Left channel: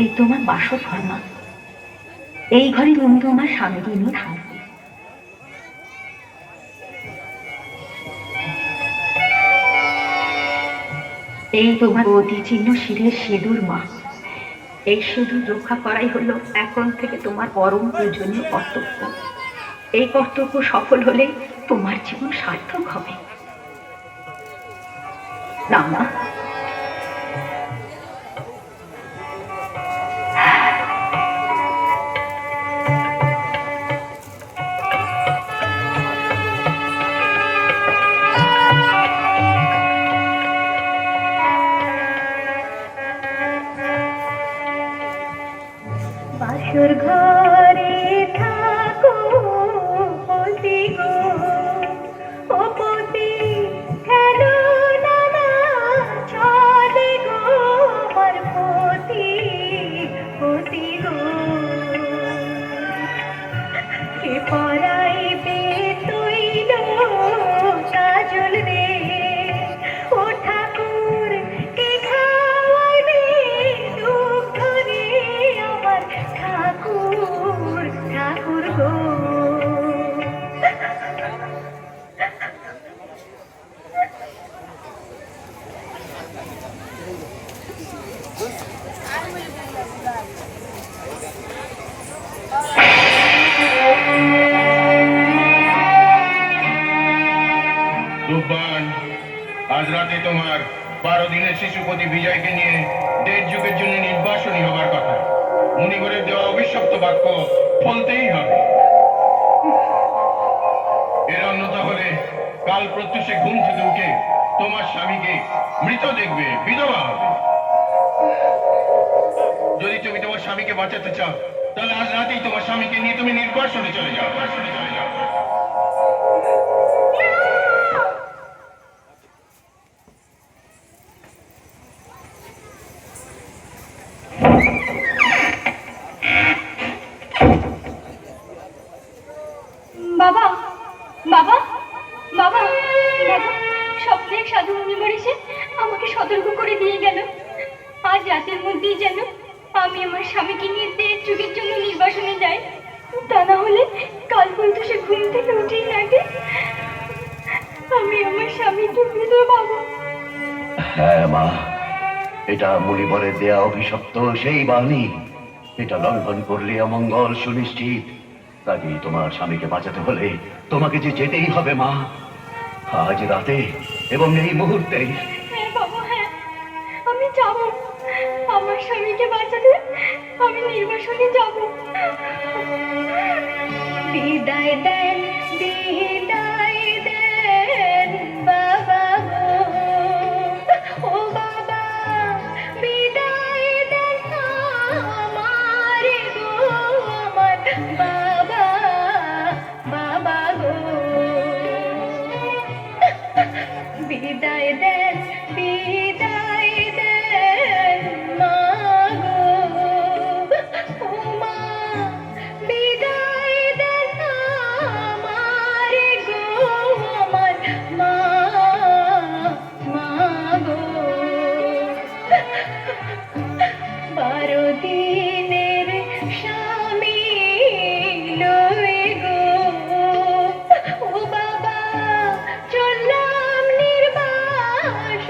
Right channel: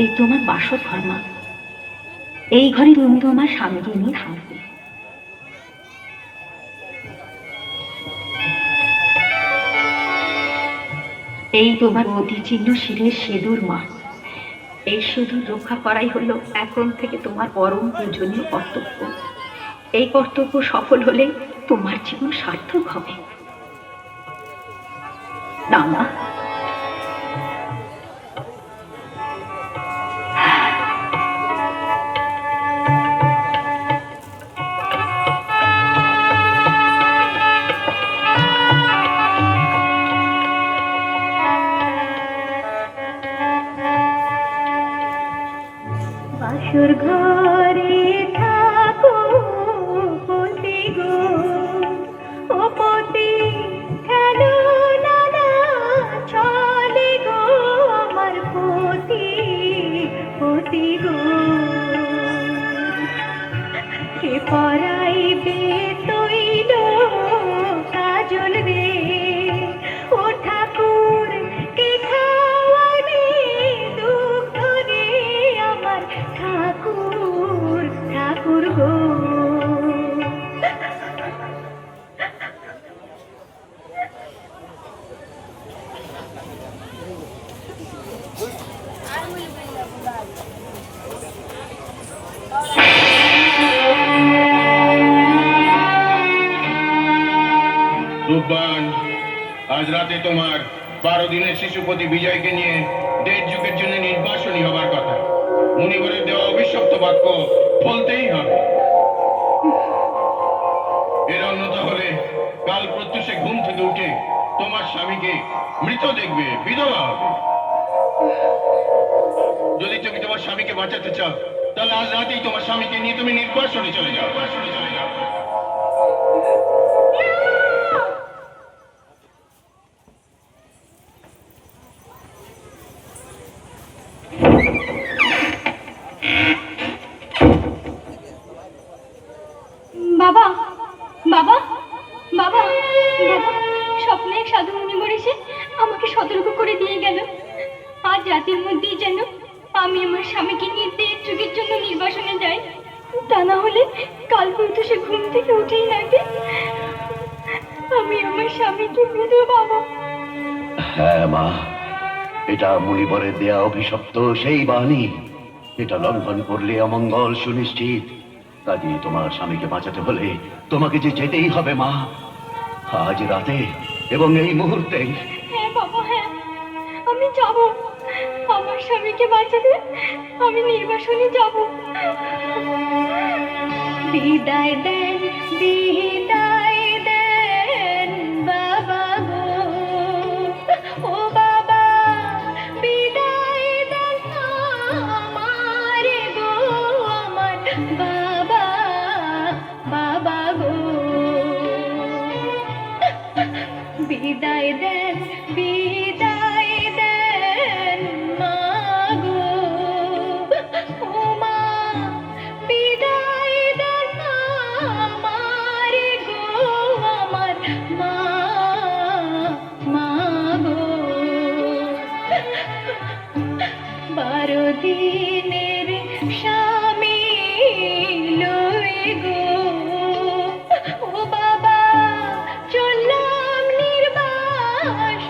এই তোমার বাসর ঘর মা। এই ঘরে তুমি তোমার স্বামীকে নিয়ে থাকবে। এই তোমার অতি চিহ্ন শিরের সিঁদুর মা। এই সিঁদুর রক্ষা করাই হলো এখন থেকে তোমার পরম প্রয়োজনীয় কর্তব্য। এই কর্তব্য সফল হলেই তোমার জীবন সার্থক হবে। না মা, বাসর ঘরে থাকো পতি গো, ও পতি কেন নানা চলে গো আমার পতি, পতি গো। কে পরাইবে তৈল কাজল রে, ও ঠাকুর কে খাওয়াইবে দুঃখ রে আমার ঠাকুর, ঠাকুর গো। রূপবান, আজ রাতে তোমার 12 দিনের শিশুপতি বিজয়কে নিয়ে 1.5 যুগের জন্য নির্বাসনী হবার কথা। মুনিবরের দেওয়া অভিশপ্ত বাক্য বলতেই হবে। এর অন্যতা হলে কাল প্রত্যুষে ঘুম থেকে উঠে তোমার স্বামীকে মৃত দেখবে, বিধবা হবে। যদি তুমি তোমার স্বামীকে বাঁচাতে চাও তাহলে আজ রাতেই তোমার স্বামীকে নিয়ে তুমি নির্বাসনে চলে যাও। বাবা, বাবা, বাবা, বাবা, স্বপ্নে এক সাধু মুনিবর এসে আমাকে সতর্ক করে দিয়ে গেল আজ রাতের মধ্যেই যেন আমি আমার স্বামীকে নিয়ে 1.5 যুগের জন্য নির্বাসনে যাই। তা না হলে কাল প্রত্যুষে ঘুম থেকে উঠেই লাগে আমি আমার স্বামীকে বিধবা হব। হ্যাঁ মা, এটা মুনিবরের দেয়া অভিশপ্ত সেই বাণী। এটা লঙ্ঘন করলে অমঙ্গল সুনিশ্চিত। কাজে তোমার স্বামীকে বাঁচাতে হলে তোমাকে যে যেতেই হবে মা, আজ রাতে এবং এই মুহূর্তে। হ্যাঁ বাবা, হ্যাঁ আমি যাব। আমার স্বামীকে বাঁচাতে আমি নির্বাসনে যাব। বিদায় দেন, বিদায় দেন বাবা গো, ও বাবা বিদায় দেন আমার গো, আমার বাবা, বাবা গো। বিদায় দেন, বিদায় দেন মা গো, ও মা বিদায় দেন আমার গো, আমার মা, মা গো। 12 দিনের স্বামী লই গো, ও বাবা চললাম নির্বাসনে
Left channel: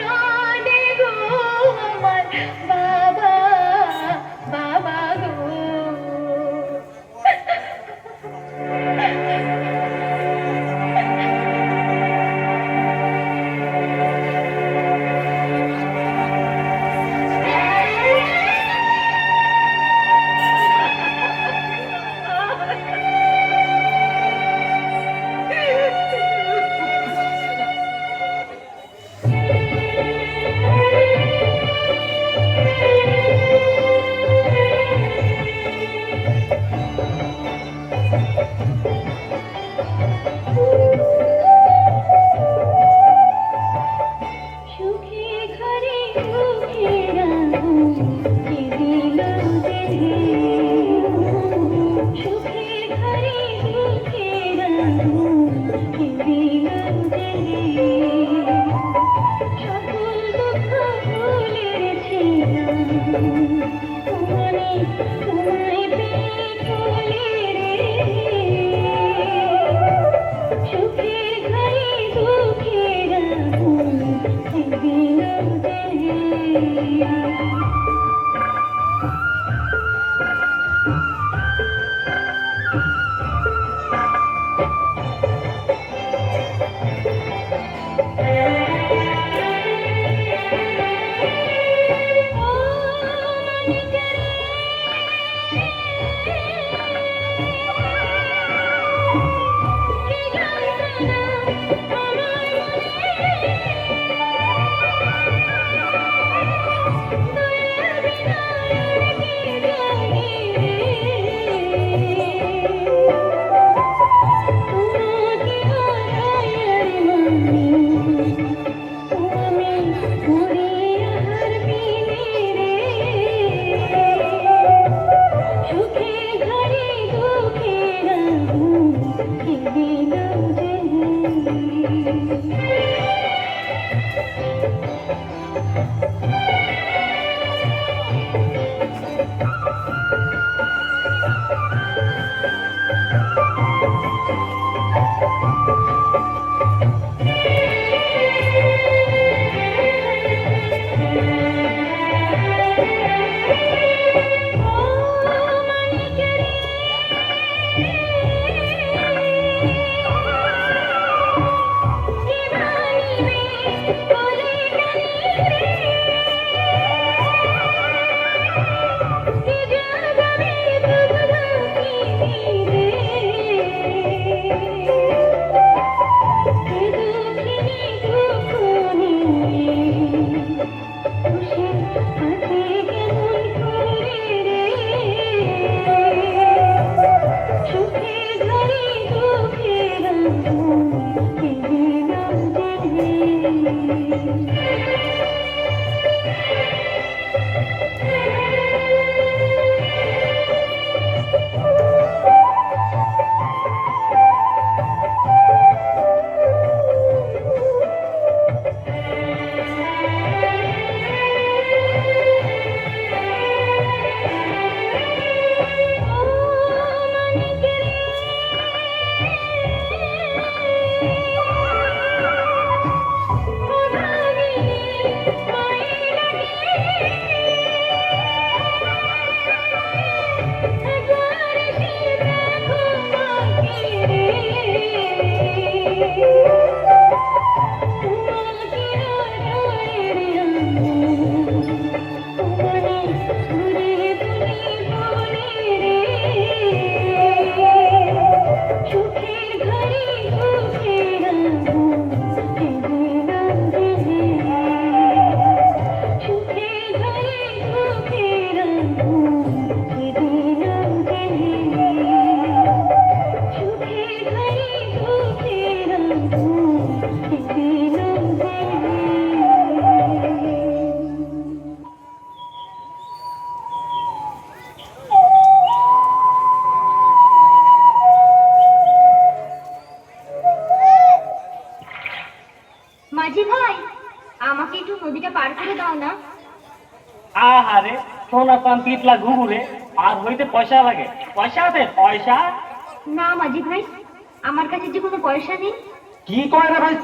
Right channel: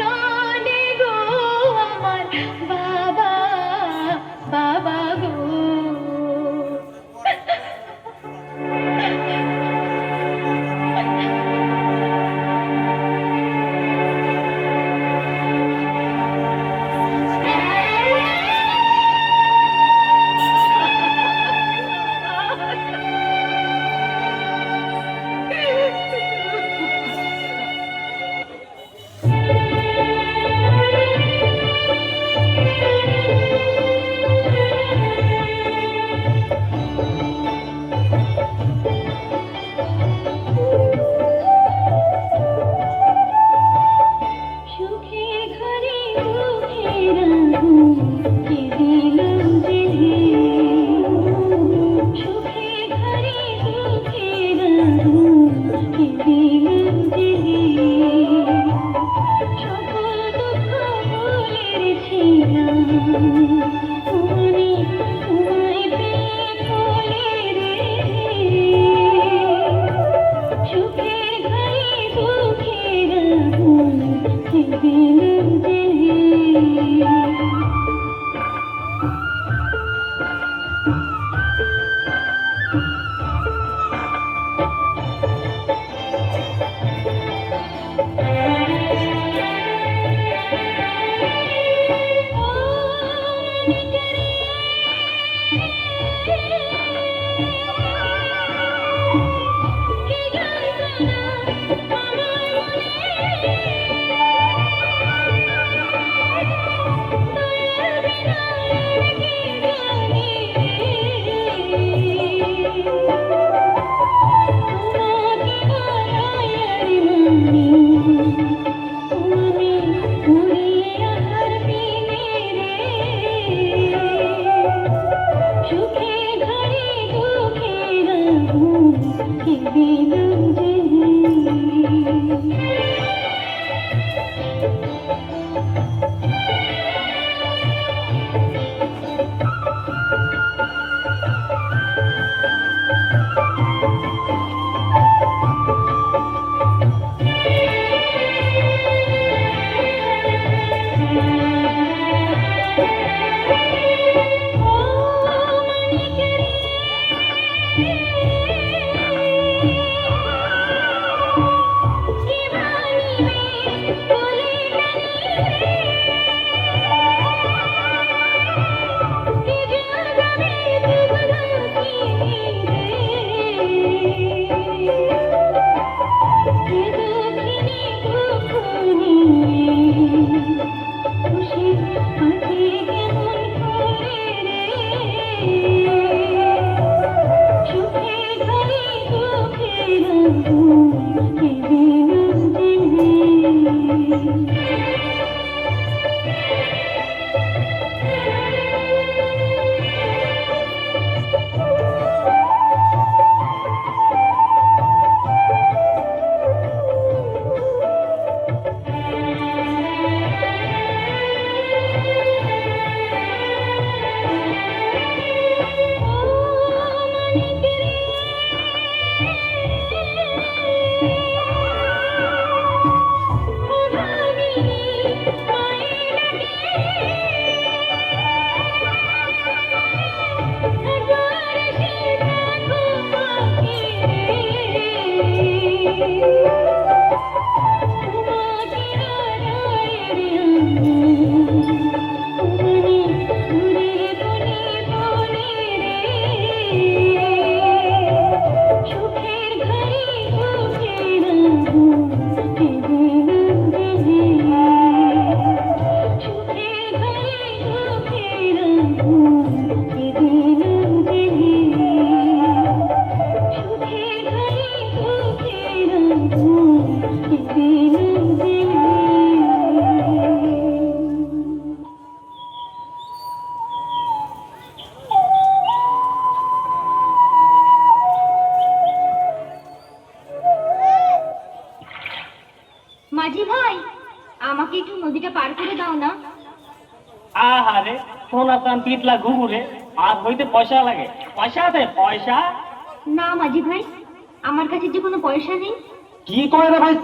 মাঝি ভাই, আমাকে একটু নদীটা পার করে দাও না। আহারে সোনা চান পিতলা ঘুঘুরে আর হইতে পয়সা লাগে। পয়সা আছে? পয়সা না মাঝি ভাই, আমার কাছে যে কোনো পয়সা নেই। কি কয় রে ভাই?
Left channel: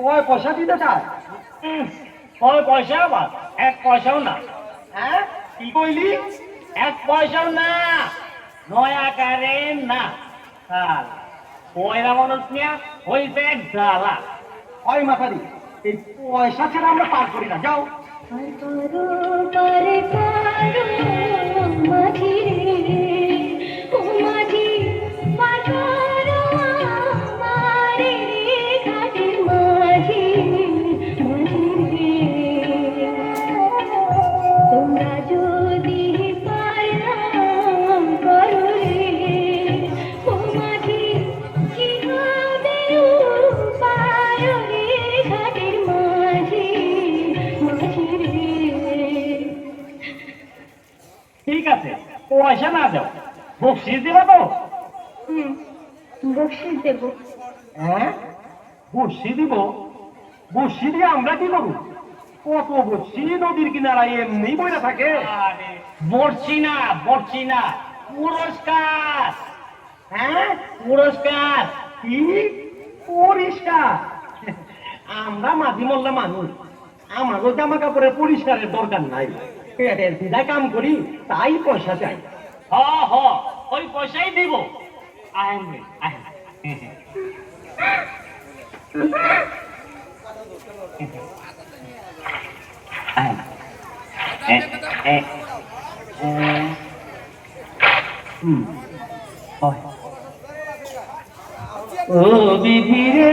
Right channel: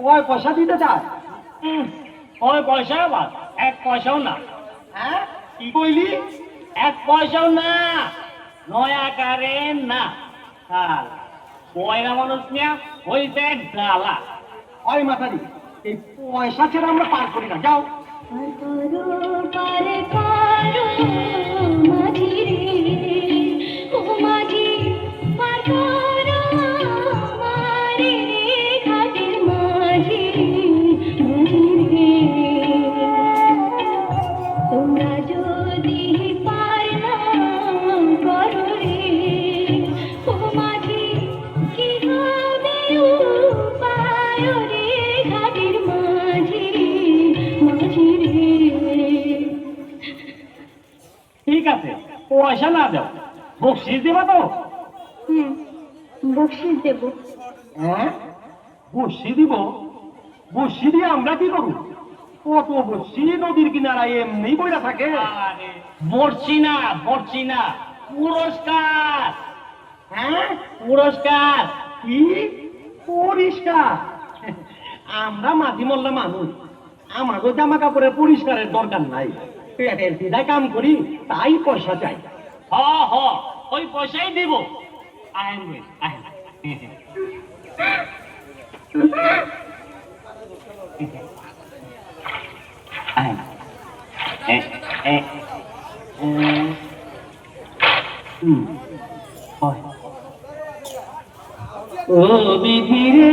কয় পয়সা দিতে চাস? কয় পয়সা? আবার এক পয়সাও না। হ্যাঁ কি কইলি? এক পয়সাও না, নয় আকারে না। হ্যাঁ পয়রা মানুষ নিয়ে হইছে জ্বালা। ওই মাথারি, এই পয়সা ছেড়ে আমরা পার করি না। যাও মাঝি রে, ও মাঝি, পার করো আমারে রে, ঘাটের মাঝি, মাঝি রে। তোমরা যদি পার না করো রে, ও মাঝি, কি হবে উপায় রে, ঘাটের মাঝি, মাঝি রে। ঠিক আছে, পয়সা না দাও, বকশিস দিবা তো? বকশিস দেব। হ্যাঁ বসি দিব? বসি দিয়ে আমরা কি করব? কত বসি নদীর কিনারায় এমনি বইরা থাকে। বসছি না, বসছি না, পুরস্কার। হ্যাঁ পুরস্কার। কি পরিষ্কার? আমরা মাঝি মোল্লা মানুষ, আমারও জামা কাপড়ের পরিষ্কারের দরকার নাই। পেটের সিধা কাম করি, তাই পয়সা চাই। হ হ, ওই পয়সাই দেব। আহ ও বিধি রে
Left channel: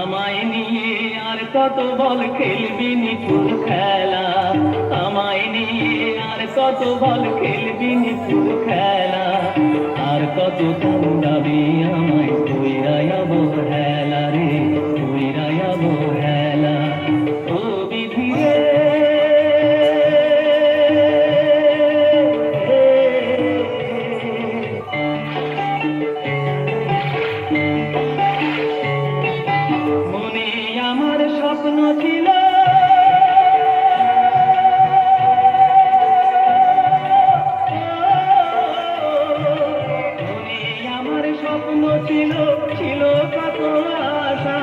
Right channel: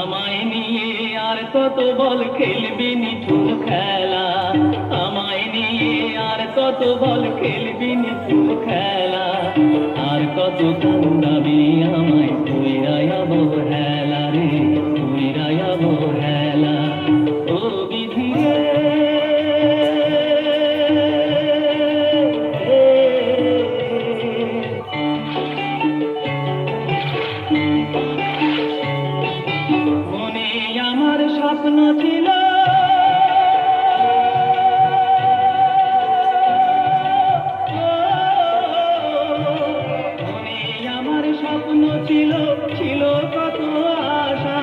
আমায় নিয়ে আর কত বল খেলবি নিঠুর খেলা, আমায় নিয়ে আর কত বল খেলবি নিঠুর খেলা, আর কত কান্দাবি আমায় কইরাই অবহেলা রে, কইরাই অবহেলা। ও বিধি রে মনে আমার স্বপ্ন ছিল মনে আমার স্বপ্ন ছিল, ছিল কত আশা,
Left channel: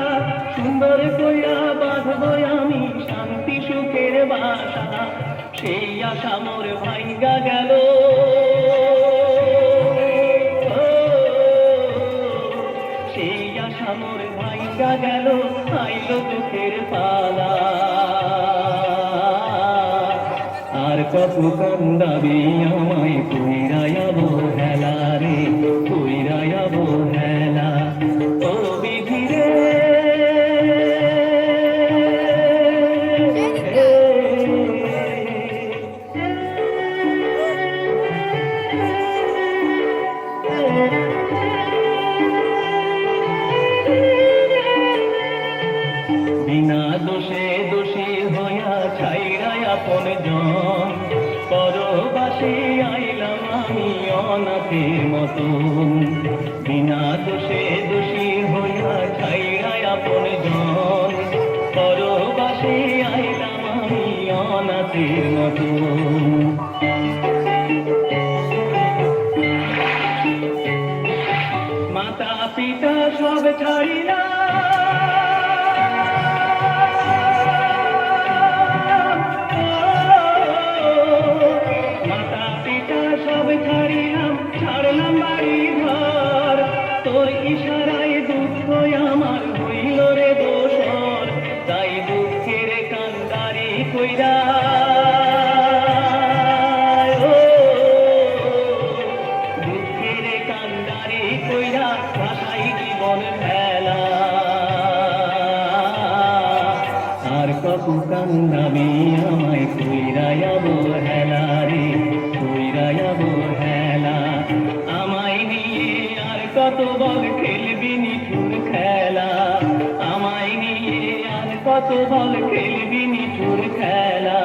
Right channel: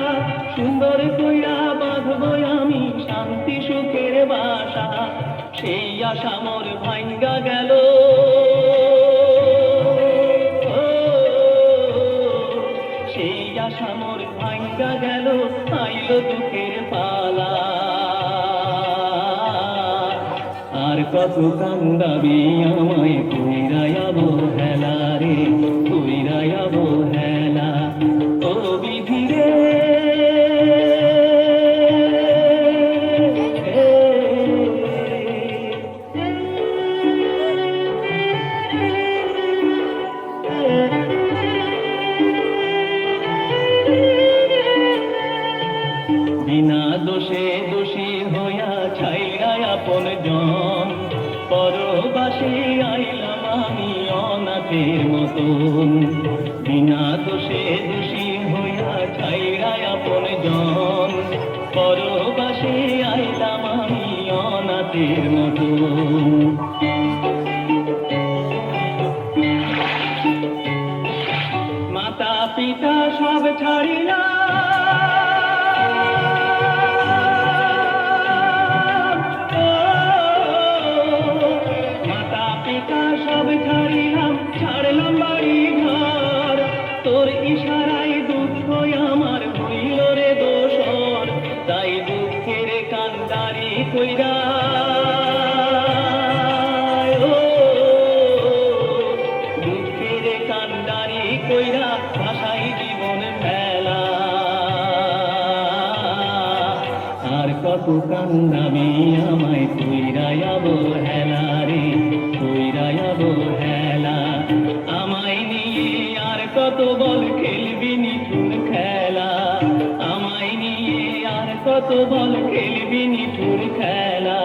সুন্দর কইরা বাঁধবো আমি শান্তি সুখের বাসা, সেই আশা মোর ভাঙ্গা গেল। সেই আশা মোর ভাঙ্গা গেল, আইলো দুঃখের পালা, আর কত কান্দাবি আমায় কইরাই অবহেলা রে, কইরাই অবহেলা। ও বিধি রে বিনা দোষে দোষী হইয়া ছাইরাই আপন জন, পরবাসে আইলাম আমি অনাথের মতন, বিনা দোষে দোষী হইয়া ছাইরাই আপন জন, পরবাসে আইলাম আমি অনাথের মতন। মাতা পিতা সব ছাড়িলাম, মাতা পিতা সব ছাড়িলাম, ছাড়লাম বাড়ি ঘর, তোর ইশারায় দুঃখ আমার হইল রে দোষর, তাই দুঃখের কান্দারি কইরা দুঃখের কান্দারি কইরা ভাষাই জীবন ফেলা, আর কত কান্দাবি আমায় কইরাই অবহেলা রে, কইরাই অবহেলা। আমায় নিয়ে আর কত বল খেলবি নিঠুর খেলা, আমায় নিয়ে আর কত বল খেলবি নিঠুর খেলা,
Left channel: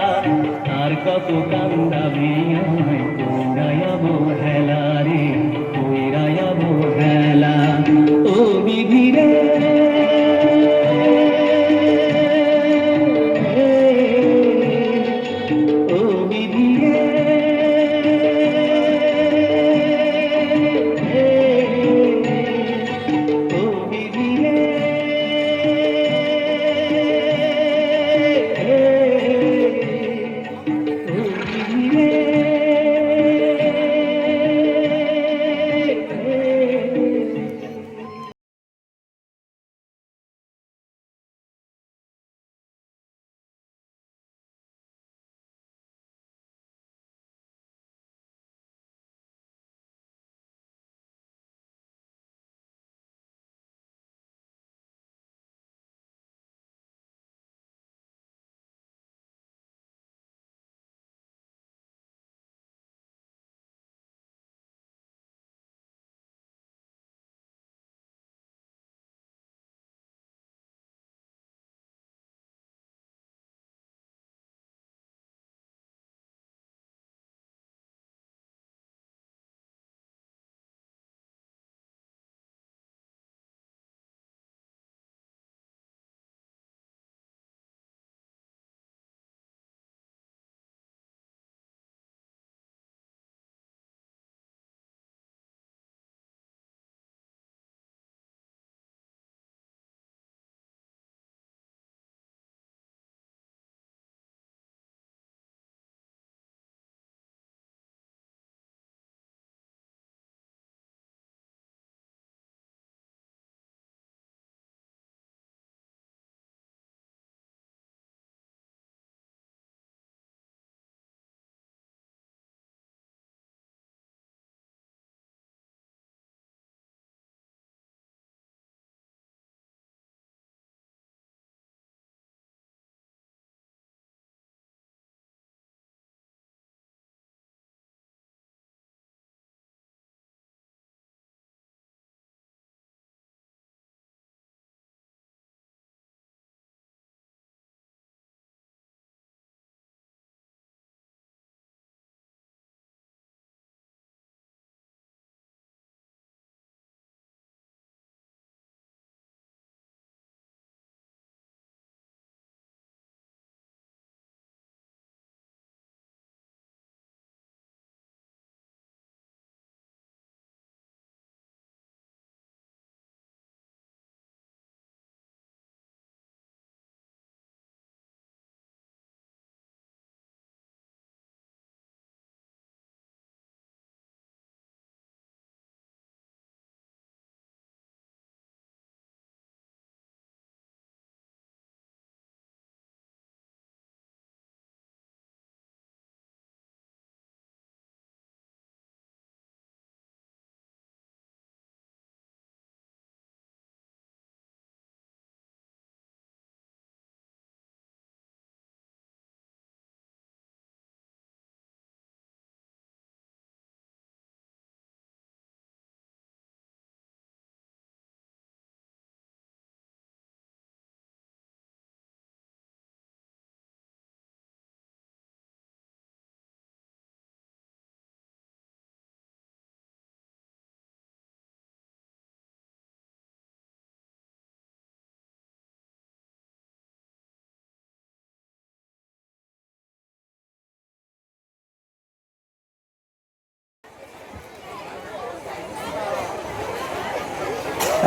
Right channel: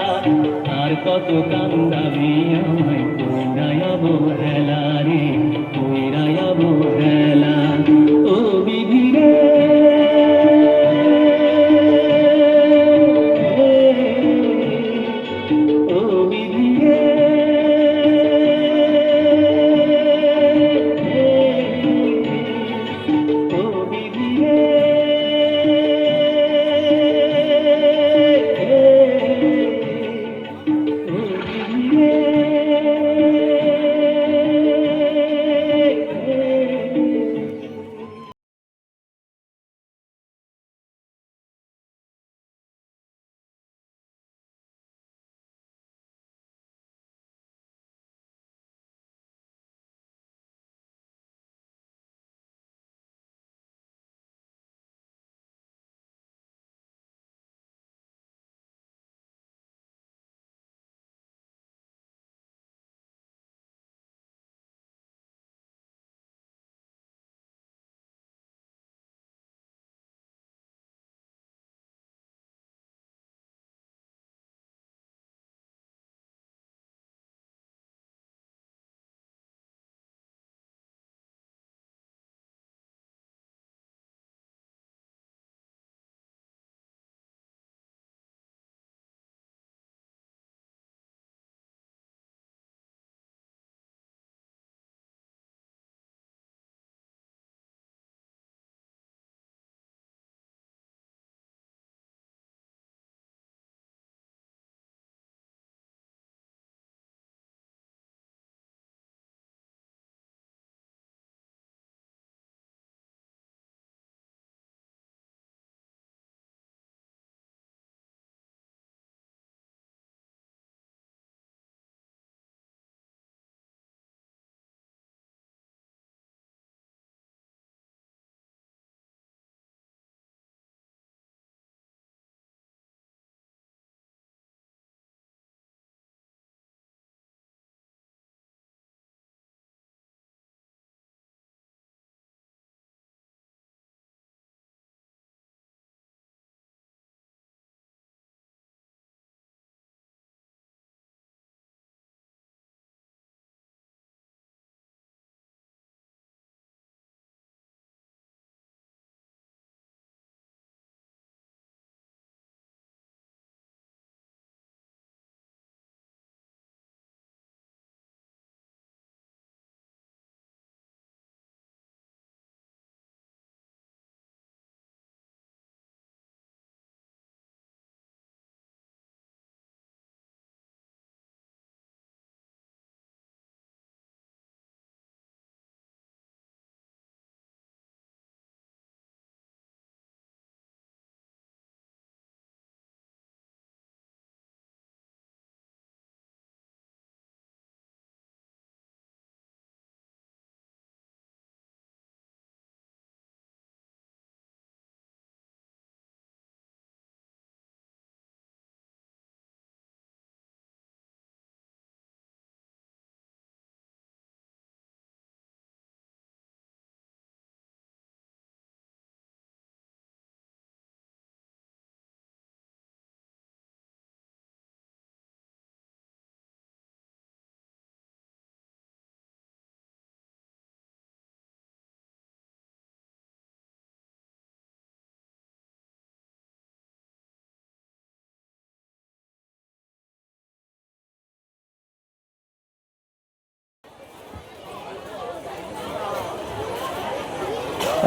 আর কত কান্দাবি আমায় কইরাই অবহেলা রে, কইরাই অবহেলা। ও বিধি রে ও বিধি রে ও বিধি রে।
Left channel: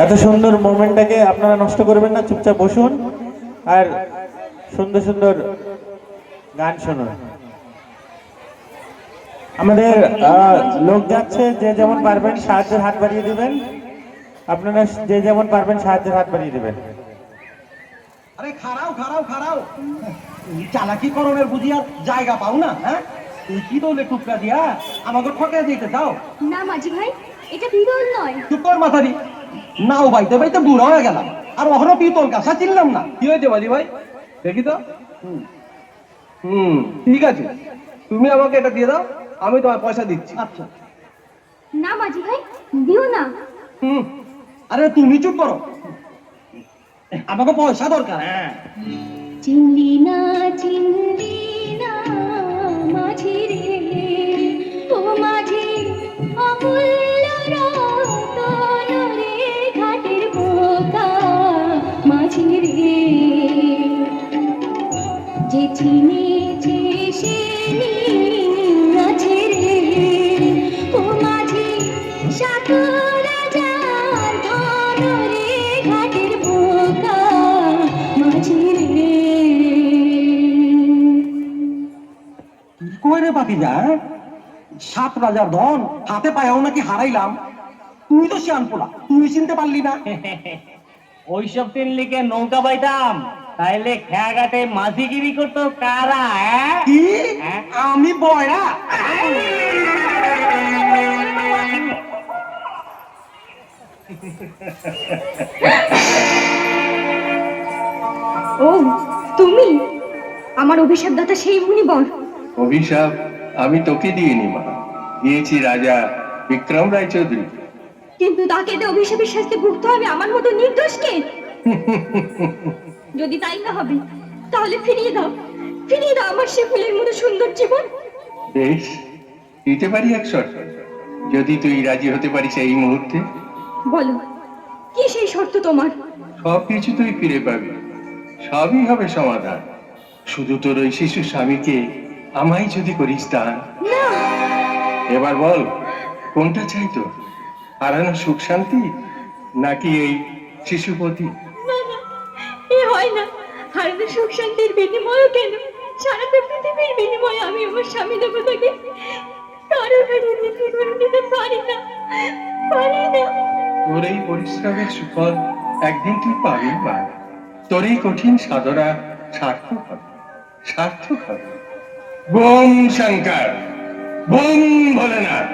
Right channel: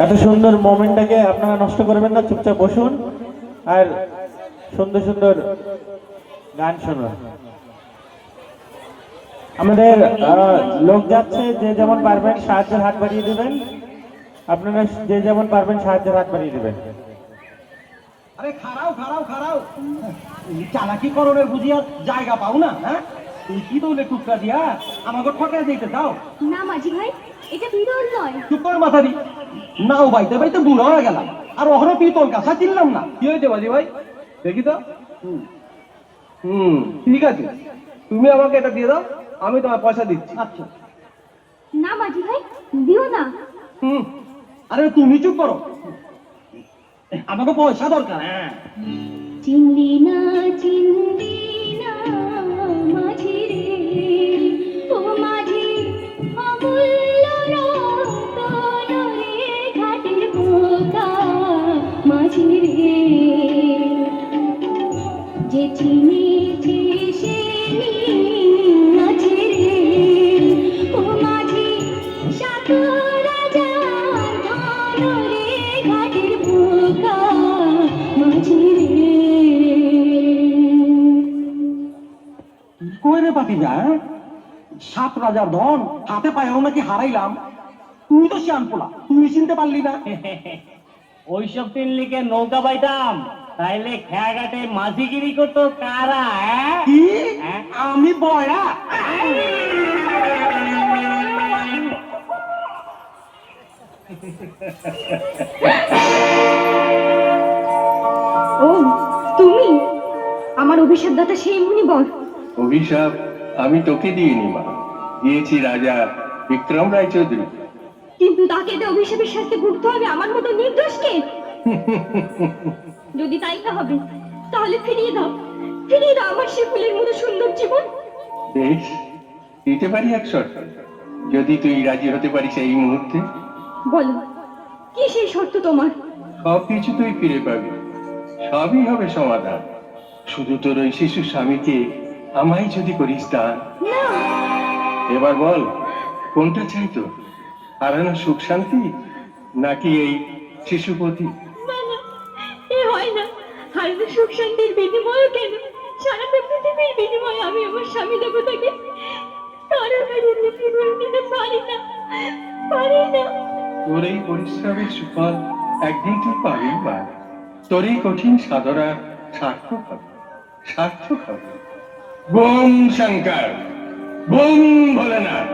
এত সুন্দর মোমেন্টটাকে আপনারা নষ্ট করবেন না, চুপচাপ বসুন আর সুন্দর সুন্দর গান শুনুন। আমাদের লোক যাচ্ছে, যে যেমন পারবেন সাহায্যের হাত বাড়িয়ে দেবেন। আপনারা যে যেমন পারবেন সাহায্যের হাত বাড়িয়ে দেবেন। আরে খাড়াও খাড়াও খাড়াও, চালাকি করণের বুঝিয়া জায়গা পাও না? হ্যাঁ, তুই কি দৌলে টুকরা দিয়া আমাকে ঠকে দিতে দাও? না মাঝি ভাই, এটা বিরল নয়। চুপ কর মাথারি, নাও বাইতে বাইতে বুড়ো হয়ে গেলাম আর ওখানে পিতল কাঁচা চিনলাম না। কি হয়েছে বাজি ভাই, দেখি তো। ঠিক আছে, তুমি আমাকে এটা দিয়ে দাও, আমি তোমার পয়সা দিচ্ছি। আচ্ছা। না মাঝি ভাই, দিও না। আরে তুমি চুপ করো, আমাকে পয়সা দরকার। হ্যাঁ, চিনলি না মাঝি রে, ও মাঝি অমূল্য রতন রে, ঘাটের বোকা মাঝি রে, যে চিনেছে সে নিয়েছে রে, ও মাঝি সাতরা যার ধন রে, ঘাটের বোকা মাঝি রে। কই রে পাখি যা, সাত রাজার ধন হাতে পায়াও নাকি হারাইলাম। তুই তো শিয়ান পোলা, তুই চিনতে পারলি না? ওইসব তিন লিখে নৌকা পাইতাম, তাইলে খেয়াঘাটে মাঝিগিরি করতো কারা? কি? আমি বয়রা? ও তুমি, আমার অভিশাপ দাতা সেই মুনিবর। অভিশাপ আমি তোকে দিইনি মা, দিয়েছি রাজা বিক্রম রায়চৌধুরী। কিন্তু তাকে তো অভিশাপের শাস্তি ভুগতে হবে আমার মতো নির্দোষকে। যদি তাই না হবে, তাহলে ফিরিয়ে দাও আমার সে ফুলের মতো সুন্দর জীবন। বেশ, দিতে পারি এক শর্ত, যদি তুই রাজি হতে পারিস এই মুহূর্তে। বলো, কি সেই শর্ত তোমার? সবকিছু তুই ফিরে পাবি, সবই হবে সমাধান। শুধু তোর ওই শিশু স্বামীকে আমায় যদি করিস দান। না, এবার বল, কোনটা চাইতো, হারানো সুখ শান্তি নাকি এই শিশুপতি? না না, এ হয় না। হারানো সুখ শান্তির বিনিময়ে কেন, সারাটা পৃথিবীর বিনিময়ে আমি আমার স্বামী দেবতাকে কারোর বিরুদ্ধে নিতে পারি না। তোর এই পরিশ্রমের সুফল একদিন তুই পাবি মা। তোর এই কঠিন সাধনা সার্থক হবে। Bomb Shankar, bomb Bholenath.